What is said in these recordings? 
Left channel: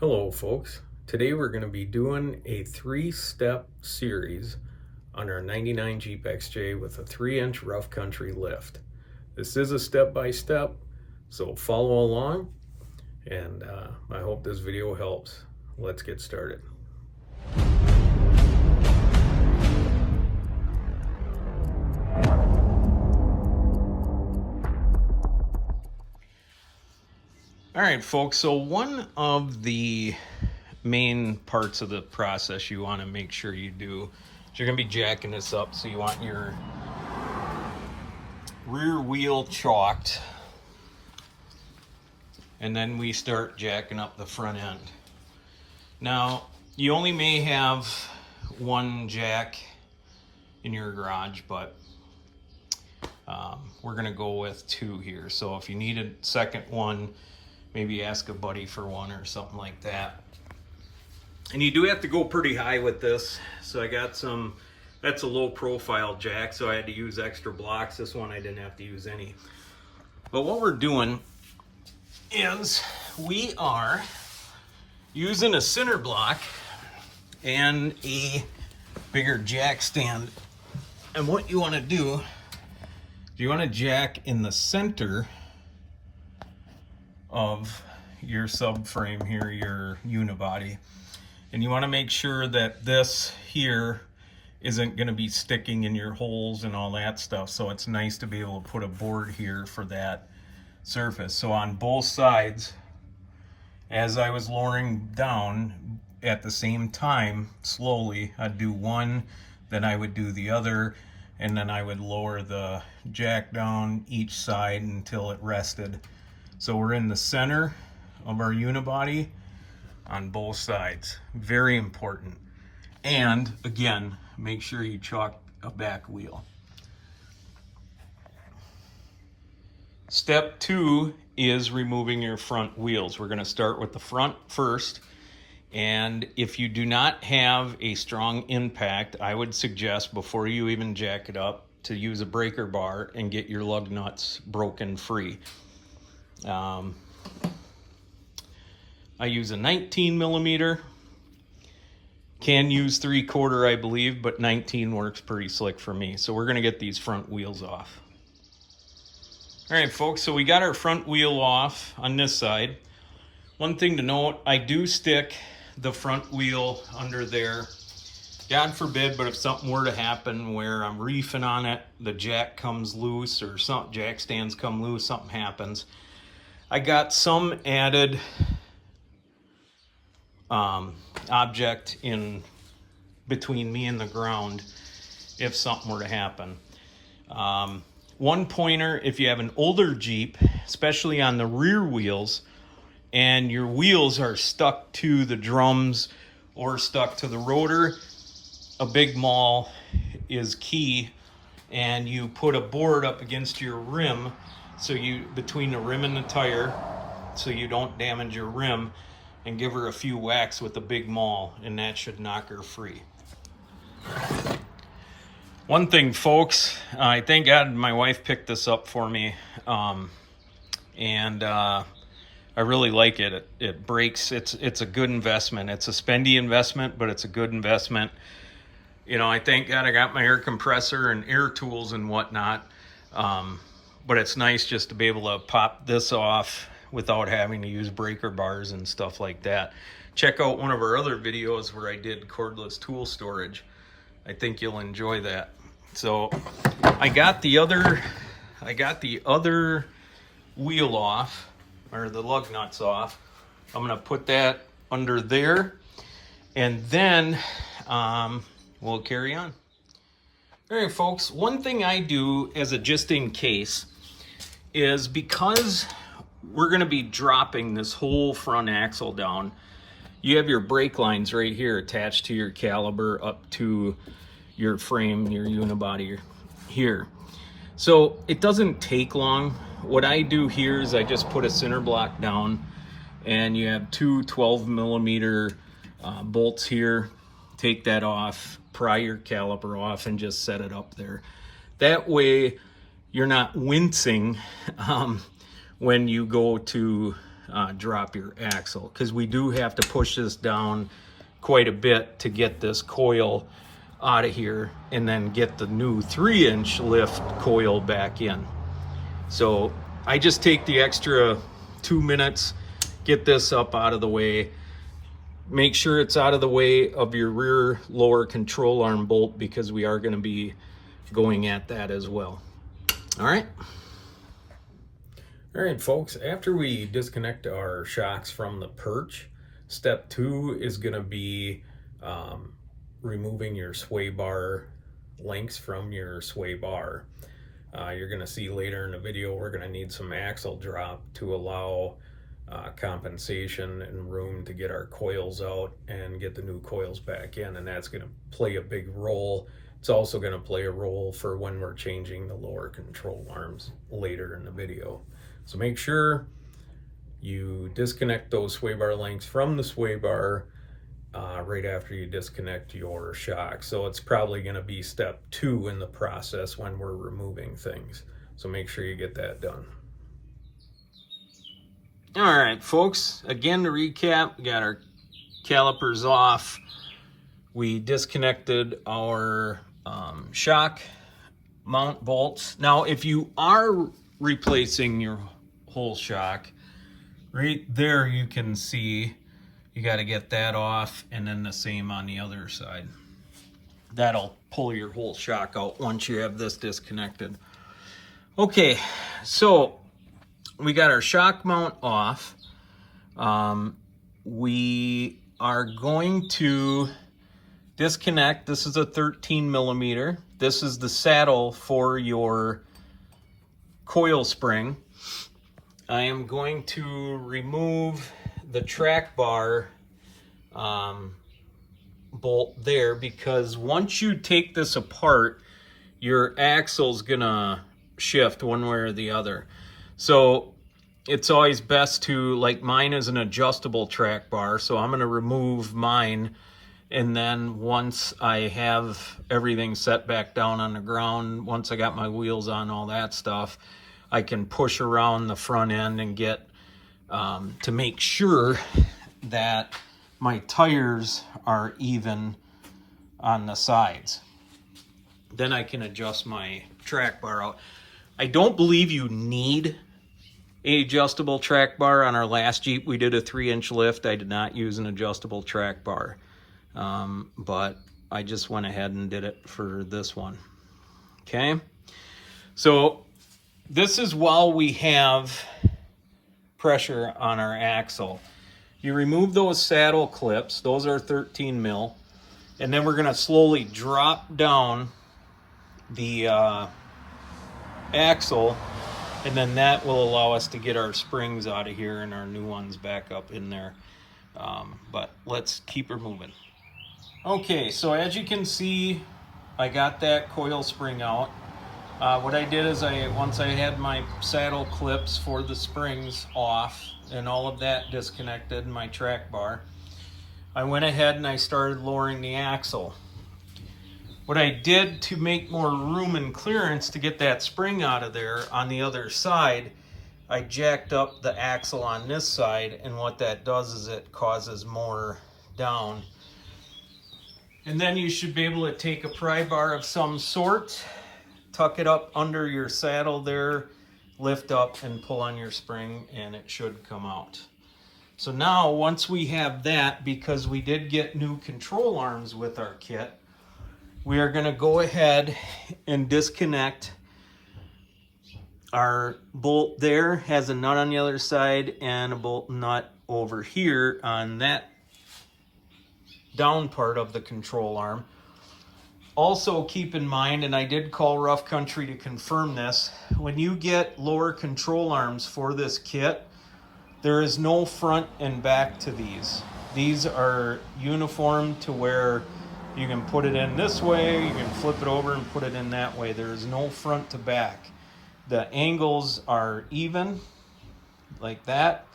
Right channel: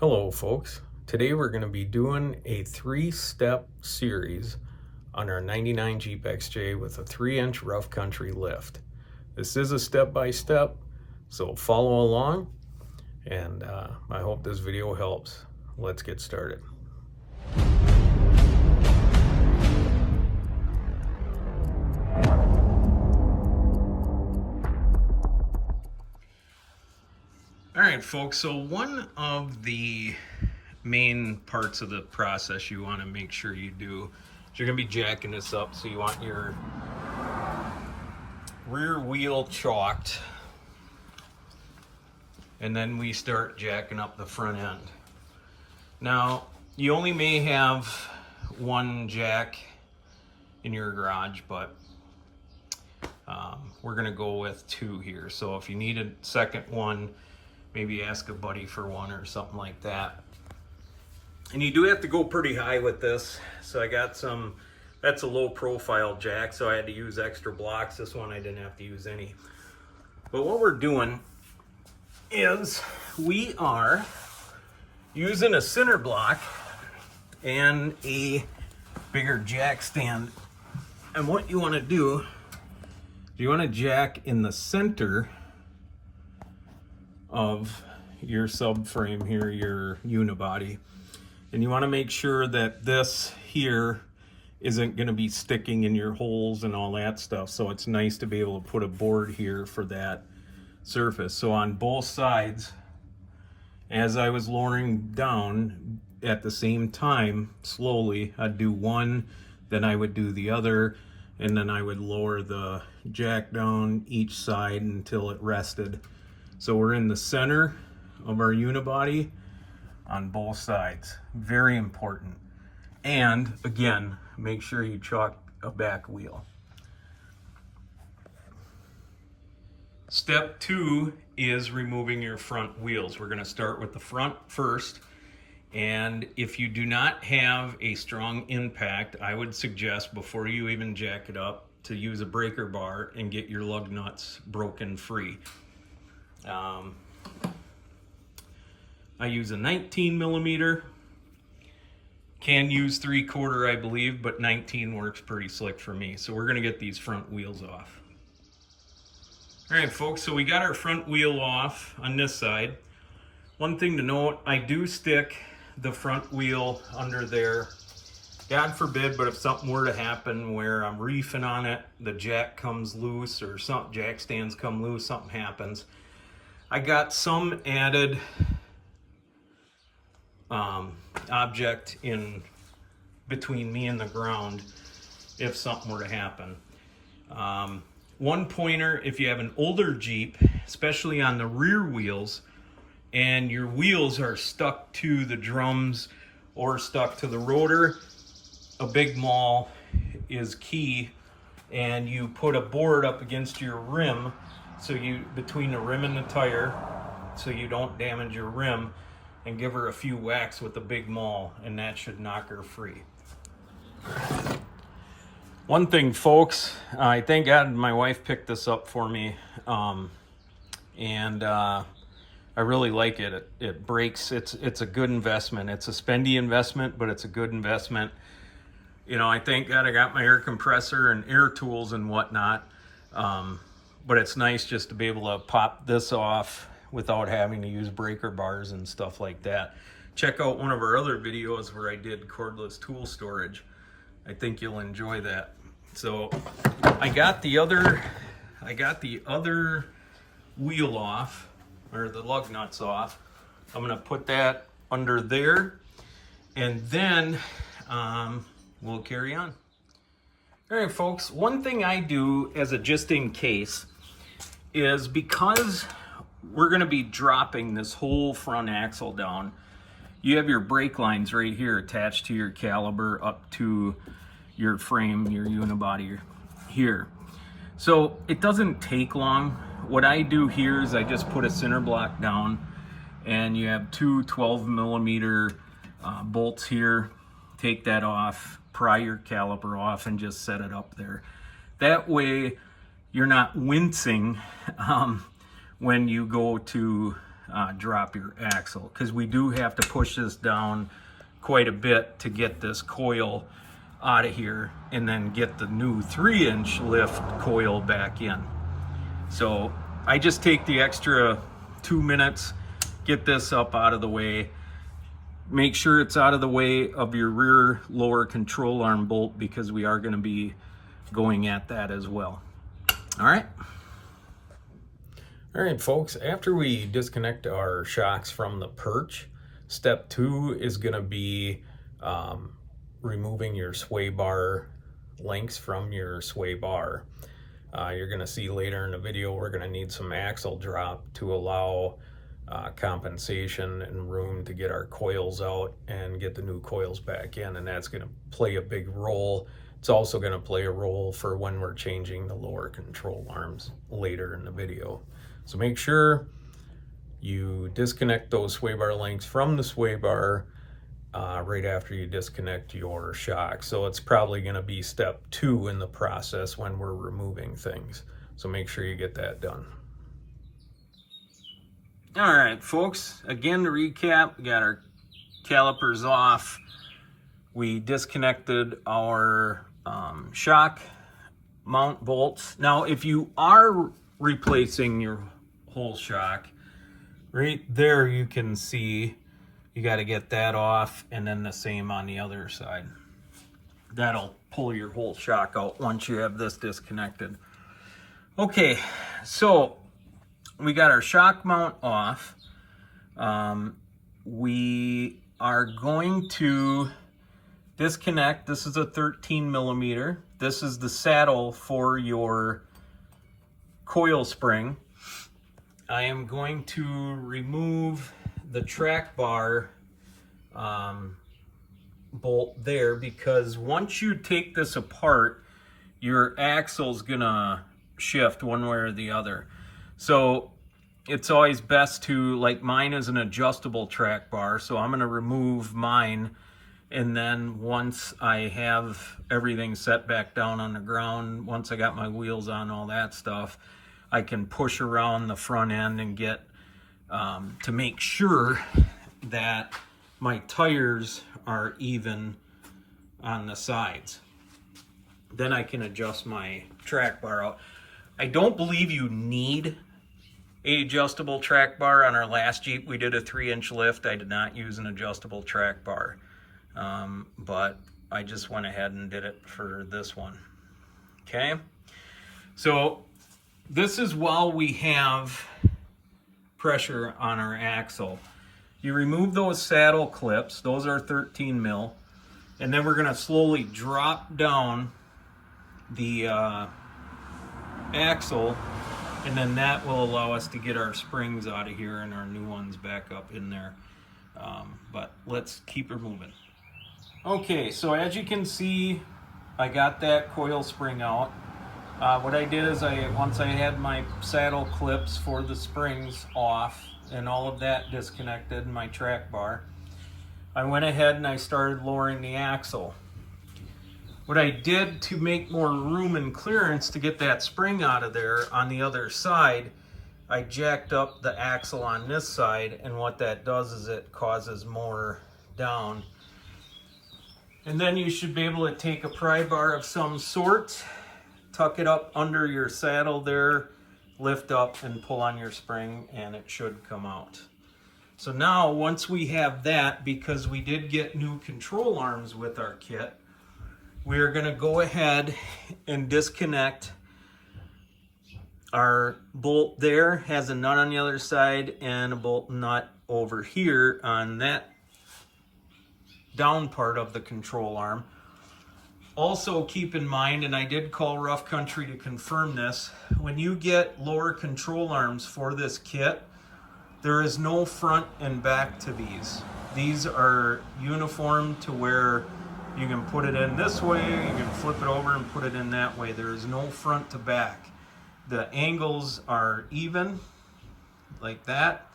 Hello folks, today we're going to be doing a 3-step series on our 99 Jeep XJ with a 3-inch rough country lift. This is a step-by-step, so follow along, and I hope this video helps. Let's get started. Alright folks, so one of the main parts of the process you want to make sure you do is you're going to be jacking this up, so you want your rear wheel chalked, and then we start jacking up the front end. Now you only may have one jack in your garage, but we're going to go with 2 here, so if you need a second one, maybe ask a buddy for one or something like that. And you do have to go pretty high with this. So I got some, that's a low profile jack, so I had to use extra blocks. This one I didn't have to use any. But what we're doing is we are using a center block and a bigger jack stand. And what you want to do, you want to jack in the center of your subframe here, your unibody, and you want to make sure that this here isn't going to be sticking in your holes and all that stuff. So it's nice to be able to put a board here for that surface. So on both sides, as I was lowering down at the same time, slowly, I'd do one, then I would do the other, and then I would lower the jack down each side until it rested. So we're in the center of our unibody on both sides. Very important. And again, make sure you chalk a back wheel. Step 2 is removing your front wheels. We're going to start with the front first. And if you do not have a strong impact, I would suggest before you even jack it up to use a breaker bar and get your lug nuts broken free. I use a 19 millimeter, can use 3/4 I believe, but 19 works pretty slick for me. So we're gonna get these front wheels off. All right folks, so we got our front wheel off on this side. One thing to note, I do stick the front wheel under there. God forbid, but if something were to happen where I'm reefing on it, the jack comes loose or some jack stands come loose, something happens, I got some added object in between me and the ground if something were to happen. One pointer, if you have an older Jeep, especially on the rear wheels, and your wheels are stuck to the drums or stuck to the rotor, a big maul is key, and you put a board up against your rim, so you between the rim and the tire, so you don't damage your rim, and give her a few whacks with a big maul, and that should knock her free. One thing folks, I thank God my wife picked this up for me, and I really like it. It breaks. It's a good investment. It's a spendy investment, but it's a good investment. You know, I thank God I got my air compressor and air tools and whatnot. But it's nice just to be able to pop this off without having to use breaker bars and stuff like that. Check out one of our other videos where I did cordless tool storage. I think you'll enjoy that. So I got the other wheel off, or the lug nuts off. I'm gonna put that under there, and then we'll carry on. All right folks, one thing I do as a just in case is, because we're going to be dropping this whole front axle down, you have your brake lines right here attached to your caliper up to your frame, your unibody here. So it doesn't take long. What I do here is I just put a center block down, and you have 2 12 millimeter bolts here. Take that off, pry your caliper off, and just set it up there. That way you're not wincing when you go to drop your axle, because we do have to push this down quite a bit to get this coil out of here and then get the new 3-inch lift coil back in. So I just take the extra 2 minutes, get this up out of the way. Make sure it's out of the way of your rear lower control arm bolt, because we are going to be going at that as well. All right. All right, folks, after we disconnect our shocks from the perch, step 2 is going to be removing your sway bar links from your sway bar. You're going to see later in the video we're going to need some axle drop to allow compensation and room to get our coils out and get the new coils back in, and that's going to play a big role. It's also going to play a role for when we're changing the lower control arms later in the video. So make sure you disconnect those sway bar links from the sway bar right after you disconnect your shock. So it's probably going to be step 2 in the process when we're removing things. So make sure you get that done. All right, folks, again to recap, we got our calipers off. We disconnected our shock mount bolts. Now, if you are replacing your whole shock, right there you can see you got to get that off, and then the same on the other side. That'll pull your whole shock out once you have this disconnected. Okay, so we got our shock mount off. We are going to disconnect. This is a 13 millimeter. This is the saddle for your coil spring. I am going to remove the track bar bolt there, because once you take this apart, your axle's gonna shift one way or the other. So it's always best to, like mine is an adjustable track bar, so I'm gonna remove mine, and then once I have everything set back down on the ground, once I got my wheels on, all that stuff, I can push around the front end and get to make sure that my tires are even on the sides. Then I can adjust my track bar out. I don't believe you need an adjustable track bar. On our last Jeep, we did a 3-inch lift. I did not use an adjustable track bar, but I just went ahead and did it for this one. Okay, so this is while we have pressure on our axle. You remove those saddle clips, those are 13 mil, and then we're going to slowly drop down the axle, and then that will allow us to get our springs out of here and our new ones back up in there. But let's keep her moving. Okay, so as you can see, I got that coil spring out. What I did is once I had my saddle clips for the springs off and all of that disconnected, my track bar, I went ahead and I started lowering the axle. What I did to make more room and clearance to get that spring out of there on the other side, I jacked up the axle on this side, and what that does is it causes more down. And then you should be able to take a pry bar of some sort, tuck it up under your saddle there, lift up and pull on your spring, and it should come out. So now once we have that, because we did get new control arms with our kit, we are going to go ahead and disconnect our bolt. There has a nut on the other side and a bolt nut over here on that down part of the control arm. Also keep in mind, and I did call Rough Country to confirm this, when you get lower control arms for this kit, there is no front and back to these. These are uniform to where you can put it in this way, you can flip it over and put it in that way. There is no front to back. The angles are even, like that,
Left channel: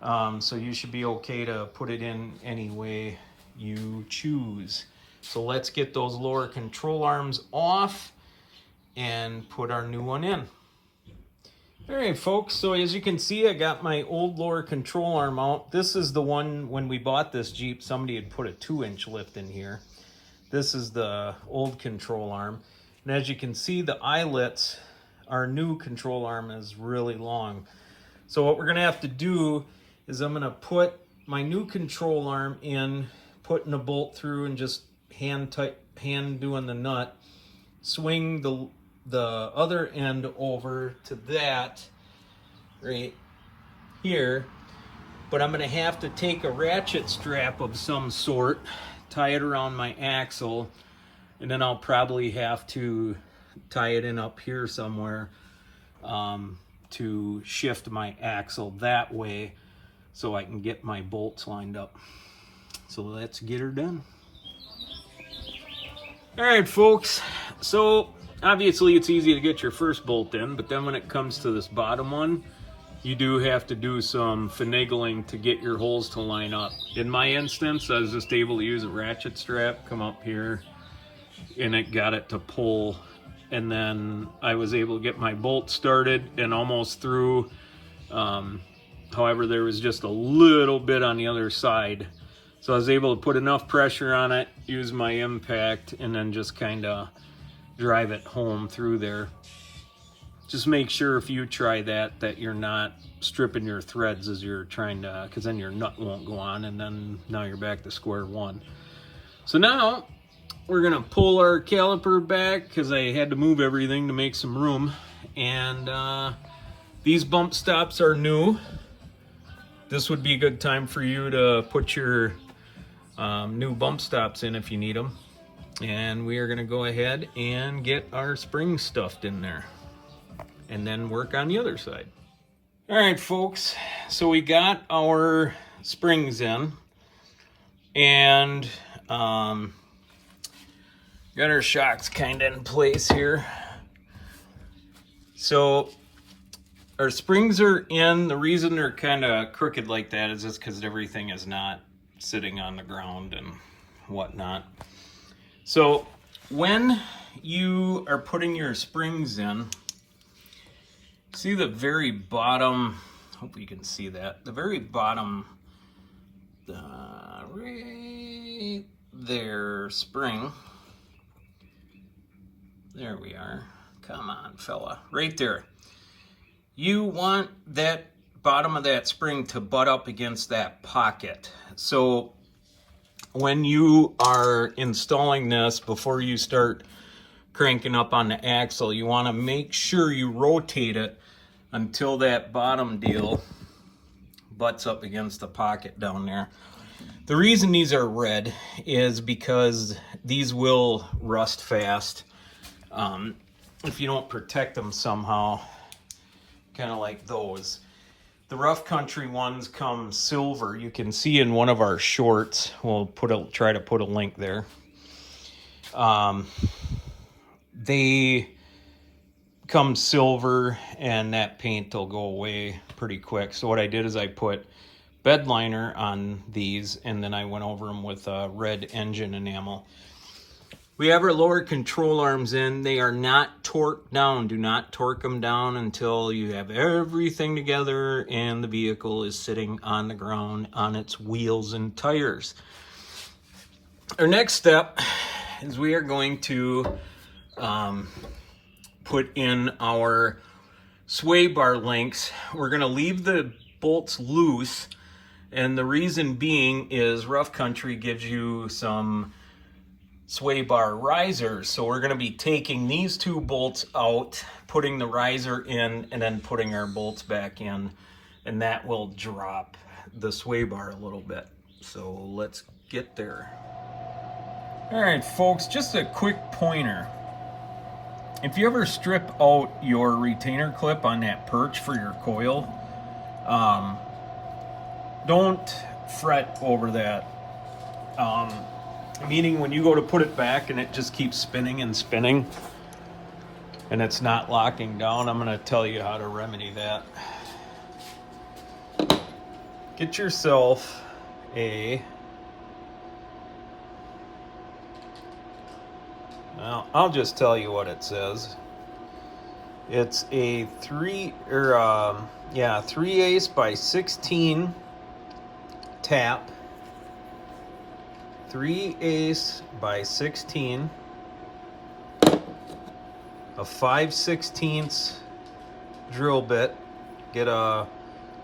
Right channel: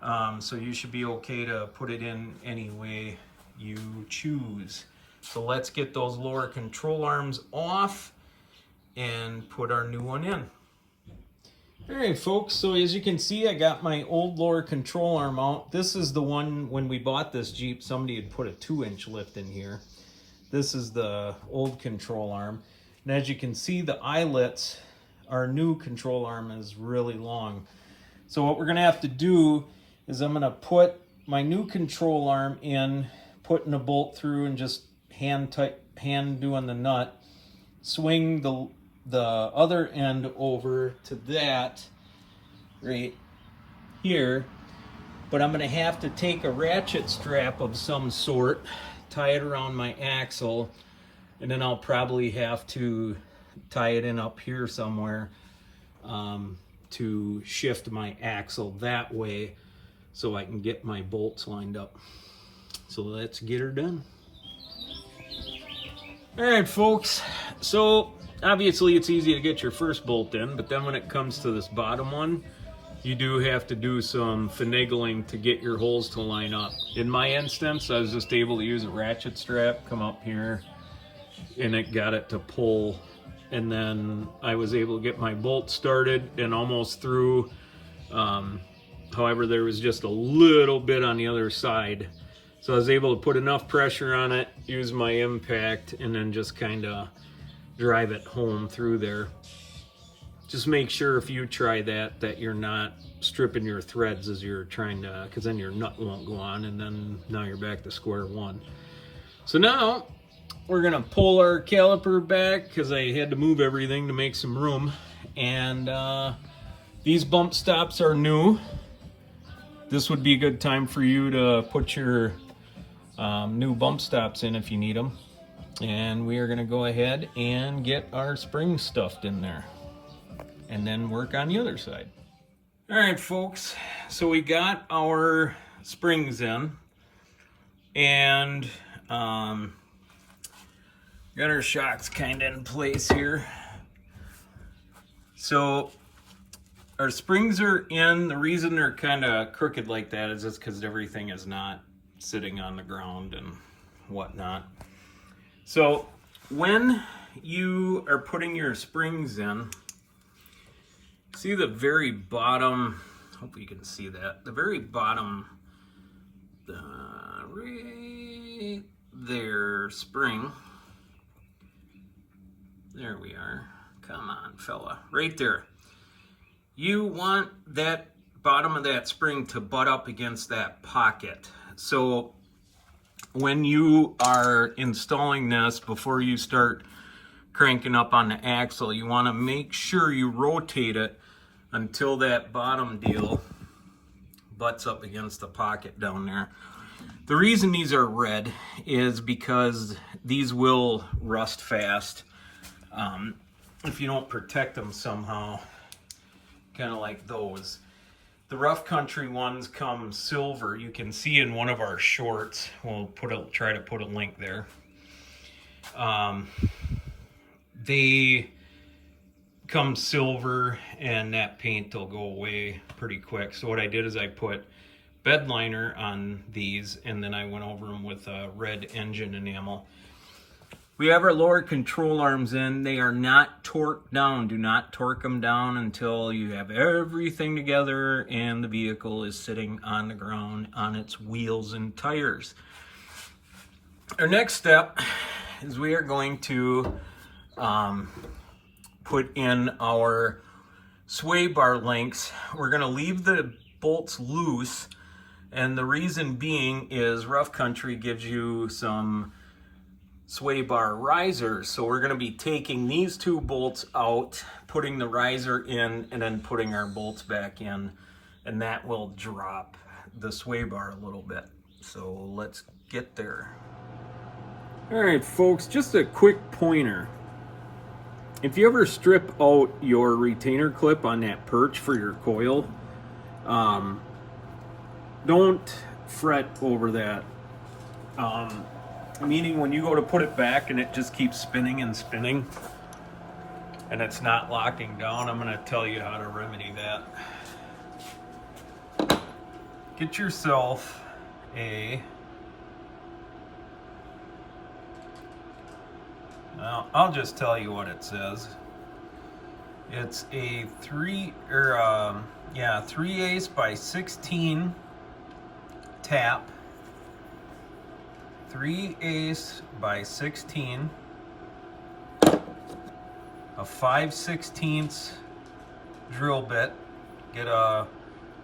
so you should be okay to put it in any way you choose. So let's get those lower control arms off and put our new one in. All right, folks, so as you can see, I got my old lower control arm out. This is the one, when we bought this Jeep, somebody had put a 2-inch lift in here. This is the old control arm. And as you can see, the eyelets, our new control arm is really long. So what we're gonna have to do is I'm gonna put my new control arm in, putting a bolt through and just hand doing the nut, swing the other end over to that right here, but I'm gonna have to take a ratchet strap of some sort, tie it around my axle, and then I'll probably have to tie it in up here somewhere to shift my axle that way so I can get my bolts lined up. So let's get her done. All right, folks, so obviously it's easy to get your first bolt in, but then when it comes to this bottom one, you do have to do some finagling to get your holes to line up. In my instance, I was just able to use a ratchet strap, come up here, and it got it to pull. And then I was able to get my bolt started and almost through. However, there was just a little bit on the other side. So I was able to put enough pressure on it, use my impact, and then just kind of drive it home through there. Just make sure if you try that you're not stripping your threads as you're trying to, because then your nut won't go on, and then now you're back to square one. So now we're gonna pull our caliper back because I had to move everything to make some room. And these bump stops are new. This would be a good time for you to put your new bump stops in if you need them. And we are gonna go ahead and get our springs stuffed in there and then work on the other side. All right, folks, so we got our springs in and got our shocks kind of in place here. So our springs are in. The reason they're kind of crooked like that is just because everything is not sitting on the ground and whatnot. So when you are putting your springs in, see the very bottom, hope you can see that, the very bottom, right there, spring. There we are. Come on, fella. Right there. You want that bottom of that spring to butt up against that pocket. So when you are installing this, before you start cranking up on the axle, you want to make sure you rotate it until that bottom deal butts up against the pocket down there. The reason these are red is because these will rust fast if you don't protect them somehow, kind of like those. The rough country ones come silver. You can see in one of our shorts, we'll try to put a link there. They come silver and that paint will go away pretty quick. So what I did is I put bed liner on these and then I went over them with red engine enamel. We have our lower control arms in. They are not torqued down. Do not torque them down until you have everything together and the vehicle is sitting on the ground on its wheels and tires. Our next step is we are going to put in our sway bar links. We're going to leave the bolts loose, and the reason being is rough country gives you some sway bar risers. So we're going to be taking these two bolts out, putting the riser in, and then putting our bolts back in, and that will drop the sway bar a little bit. So let's get there. All right, folks, just a quick pointer. If you ever strip out your retainer clip on that perch for your coil, don't fret over that. Meaning when you go to put it back and it just keeps spinning and spinning and it's not locking down, I'm going to tell you how to remedy that. Get yourself I'll just tell you what it says. It's a 3/8 by 16 tap. 3/8 by 16. A 5/16 drill bit. Get a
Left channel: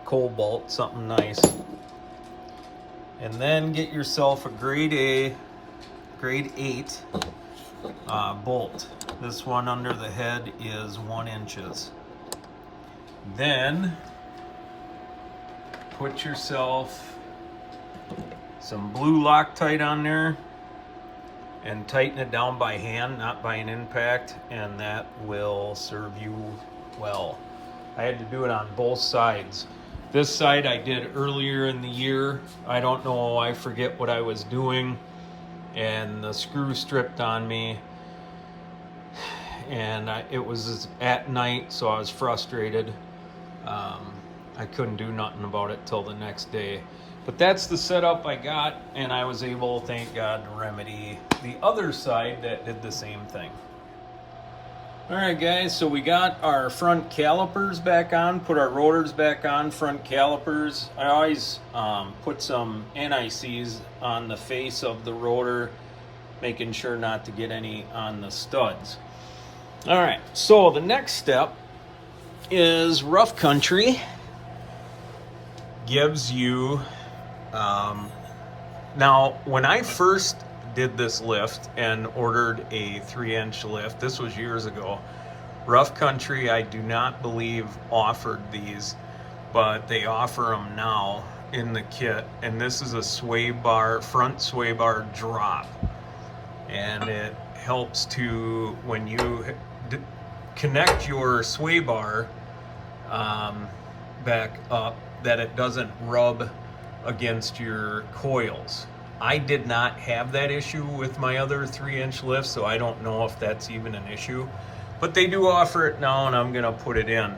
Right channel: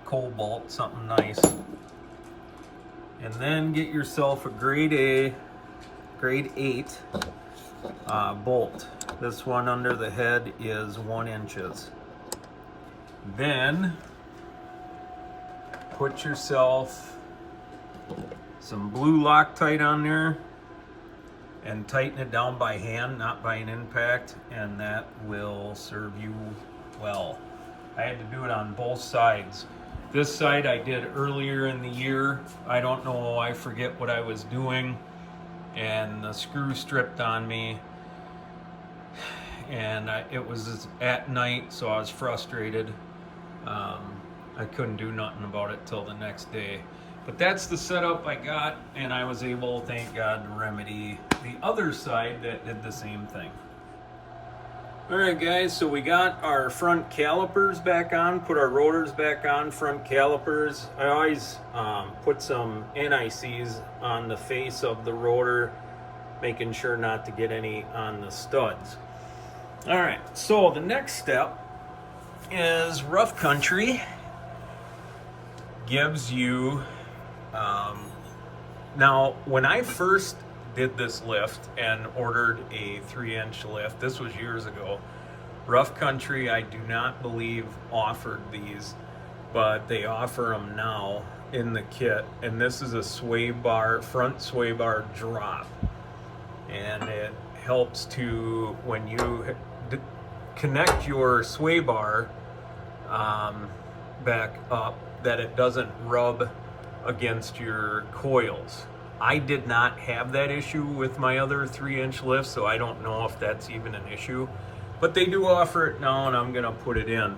cobalt, something nice. And then get yourself a grade 8 bolt. This one under the head is 1 inches. Then put yourself some blue Loctite on there and tighten it down by hand, not by an impact, and that will serve you well. I had to do it on both sides. This side I did earlier in the year. I don't know, I forget what I was doing, and the screw stripped on me, and it was at night, so I was frustrated. I couldn't do nothing about it till the next day. But that's the setup I got, and I was able, thank God, to remedy the other side that did the same thing. Alright guys, so we got our front calipers back on, put our rotors back on, front calipers. I always put some NICs on the face of the rotor, making sure not to get any on the studs. Alright, so the next step is Rough Country gives you, now when I first did this lift and ordered a 3-inch lift, this was years ago, Rough Country, I do not believe, offered these, but they offer them now in the kit. And this is a sway bar, front sway bar drop, and it helps to, when you connect your sway bar back up, that it doesn't rub against your coils. I did not have that issue with my other 3-inch lift, so I don't know if that's even an issue, but they do offer it now, and I'm gonna put it in.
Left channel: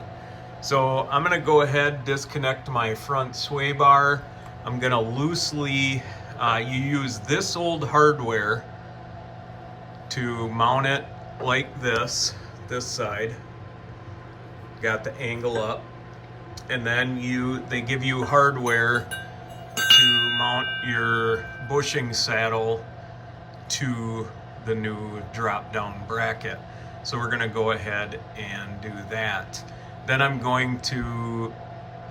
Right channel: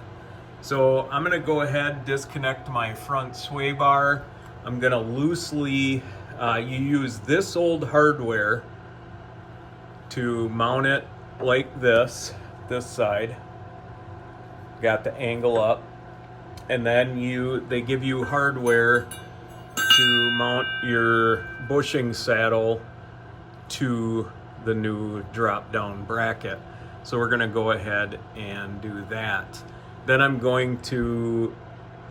So I'm gonna go ahead, disconnect my front sway bar. I'm gonna loosely, you use this old hardware to mount it like this side. Got the angle up, and then they give you hardware to mount your bushing saddle to the new drop down bracket. So we're going to go ahead and do that. Then I'm going to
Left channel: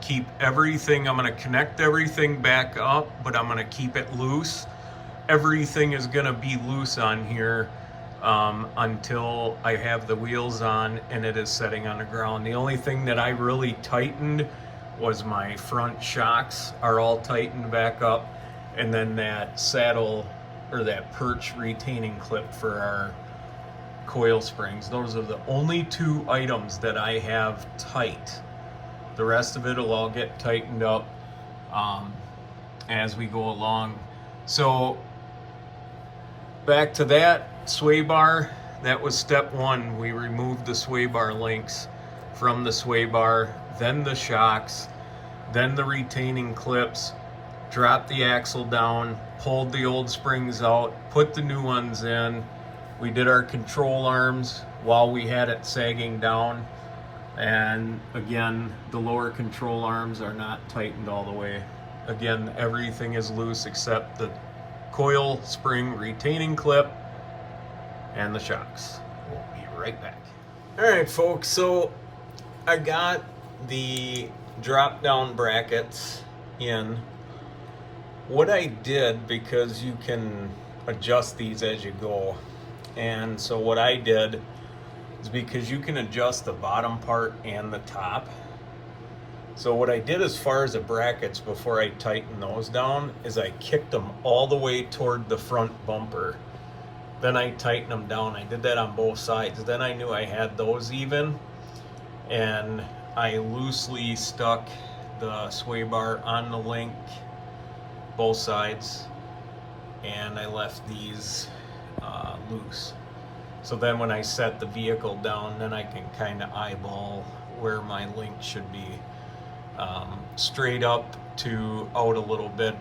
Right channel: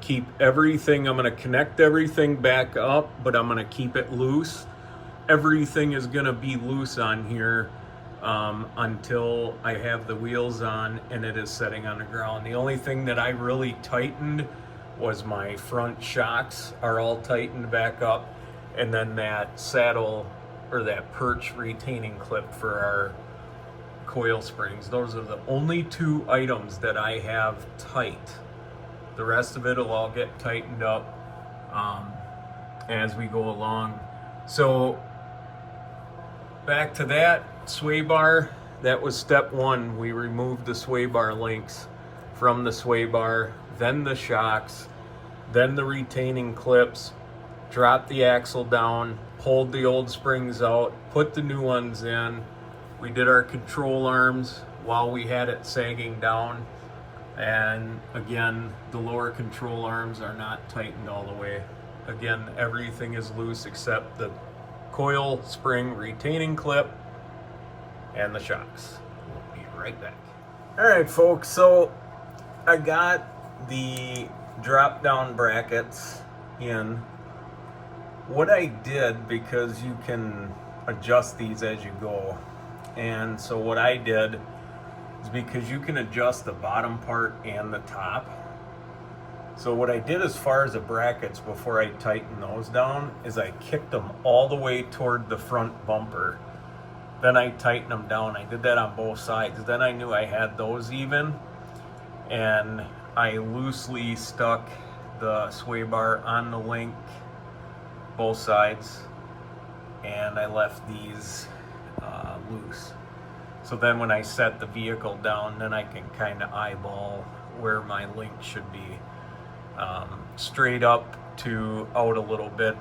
keep everything, I'm going to connect everything back up, but I'm going to keep it loose. Everything is going to be loose on here until I have the wheels on and it is setting on the ground. The only thing that I really tightened was my front shocks are all tightened back up, and then that saddle or that perch retaining clip for our coil springs. Those are the only 2 items that I have tight. The rest of it will all get tightened up as we go along. So back to that sway bar, that was step 1. We removed the sway bar links from the sway bar, then the shocks, then the retaining clips, dropped the axle down, pulled the old springs out, put the new ones in. We did our control arms while we had it sagging down. And again, the lower control arms are not tightened all the way. Again, everything is loose except the coil spring retaining clip and the shocks. We'll be right back. All right, folks, so I got the drop down brackets in. What I did, because you can adjust these as you go, and so what I did is, because you can adjust the bottom part and the top, so what I did as far as the brackets before I tightened those down is I kicked them all the way toward the front bumper. Then I tightened them down. I did that on both sides. Then I knew I had those even, and I loosely stuck the sway bar on the link, both sides, and I left these loose. So then when I set the vehicle down, then I can kind of eyeball where my link should be, straight up to out a little bit,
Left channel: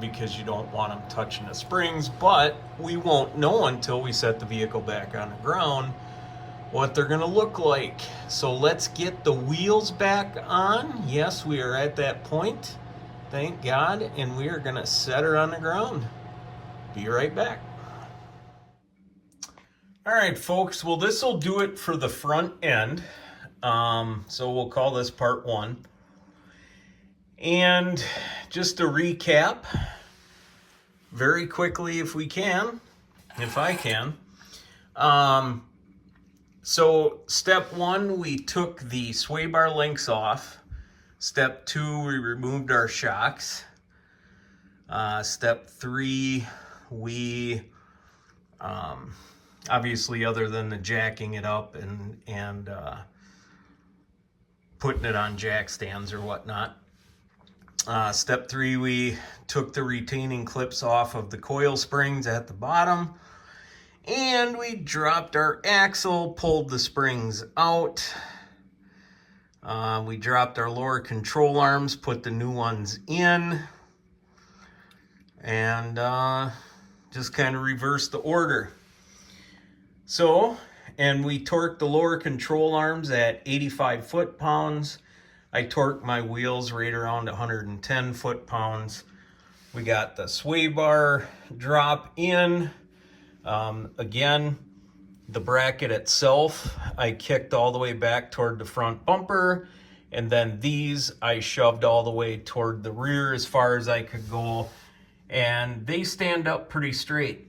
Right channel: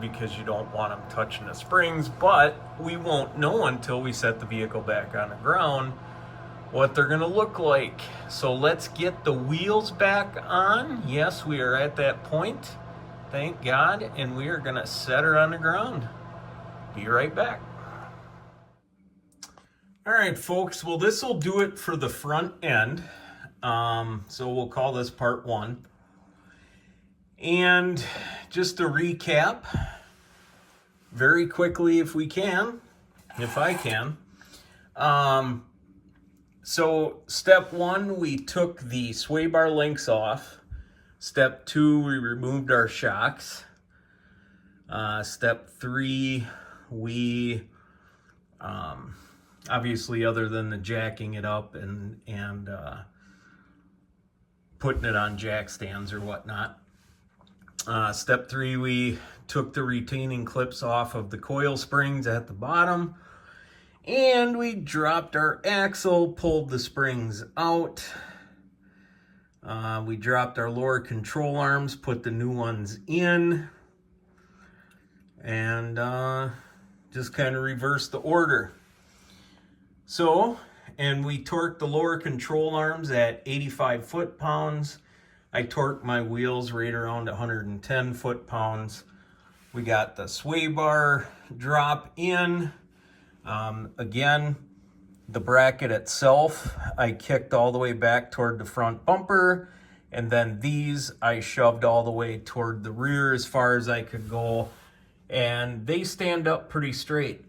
because you don't want them touching the springs. But we won't know until we set the vehicle back on the ground what they're gonna look like. So let's get the wheels back on. Yes, we are at that point, thank God, and we are gonna set her on the ground. Be right back. All right, folks, well, this will do it for the front end. So we'll call this part 1. And just to recap very quickly, if I can. So step 1, we took the sway bar links off. Step 2, we removed our shocks. Step 3, we obviously, other than the jacking it up and putting it on jack stands or whatnot. Step 3, we took the retaining clips off of the coil springs at the bottom, and we dropped our axle, pulled the springs out. We dropped our lower control arms, put the new ones in, and just kind of reversed the order. So, and we torqued the lower control arms at 85 foot-pounds. I torqued my wheels right around 110 foot-pounds. We got the sway bar drop in. Again, the bracket itself, I kicked all the way back toward the front bumper, and then these I shoved all the way toward the rear as far as I could go, and they stand up pretty straight.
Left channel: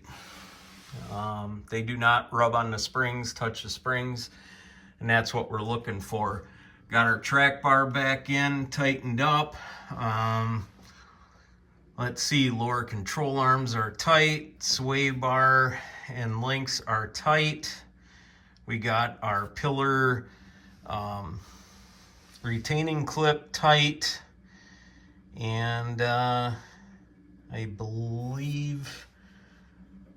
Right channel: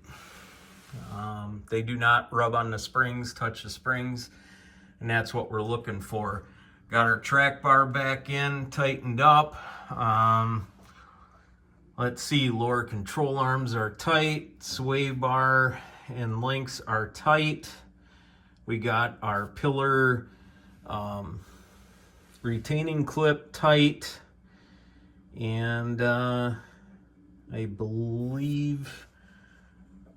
They do not rub on the springs, touch the springs, and that's what we're looking for. Got our track bar back in, tightened up. Let's see, lower control arms are tight, sway bar and links are tight. We got our pillar retaining clip tight, and I believe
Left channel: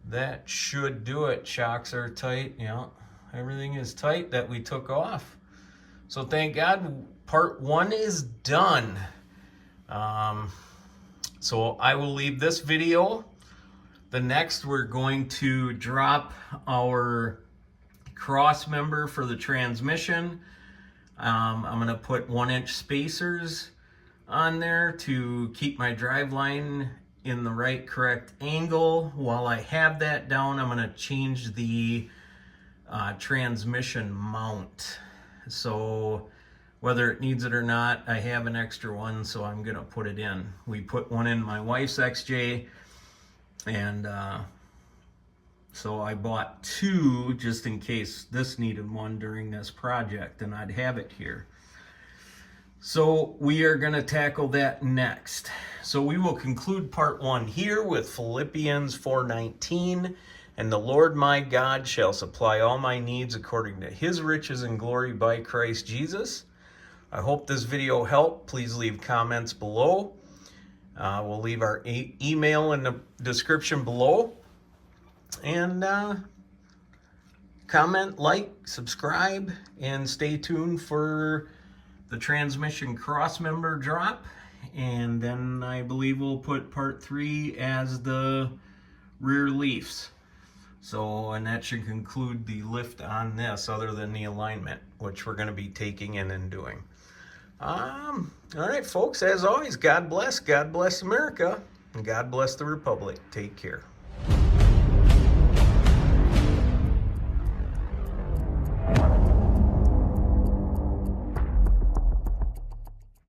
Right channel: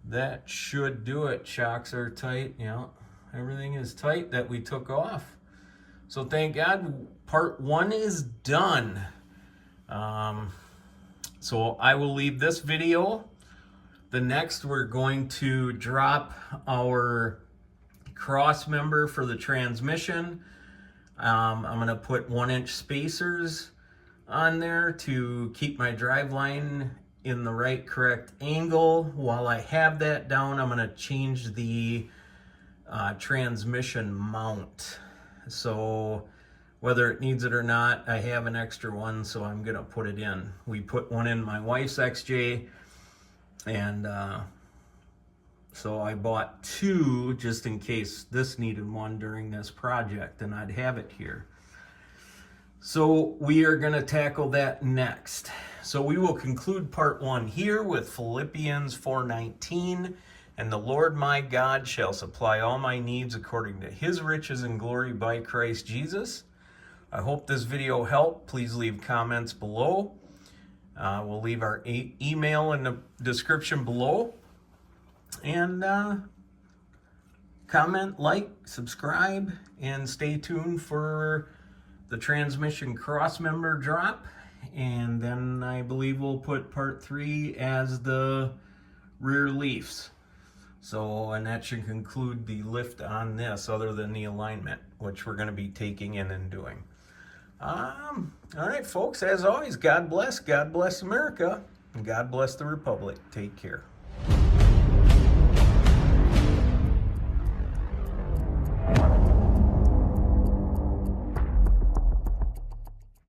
that should do it. Shocks are tight, yeah, everything is tight that we took off. So thank God, part 1 is done. So I will leave this video. The next, we're going to drop our cross member for the transmission. I'm gonna put 1-inch spacers on there to keep my drive line in the right correct angle. While I have that down, I'm gonna change the transmission mount. So whether it needs it or not, I have an extra one, so I'm gonna put it in. We put one in my wife's XJ, and so I bought 2 just in case this needed one during this project, and I'd have it here. So we are gonna tackle that next. So we will conclude part 1 here with Philippians 4:19. And the Lord my God shall supply all my needs according to his riches and glory by Christ Jesus. I hope this video helped. Please leave comments below. We'll leave our email in the description below. And comment, like, subscribe, and stay tuned for the transmission cross member drop. And then I believe we'll put part 3 as the rear leafs. So, and that should conclude the lift on this, other than the alignment, which we're going to be taking in and doing. All right, folks, as always, God bless America, and God bless the Republic. Take care.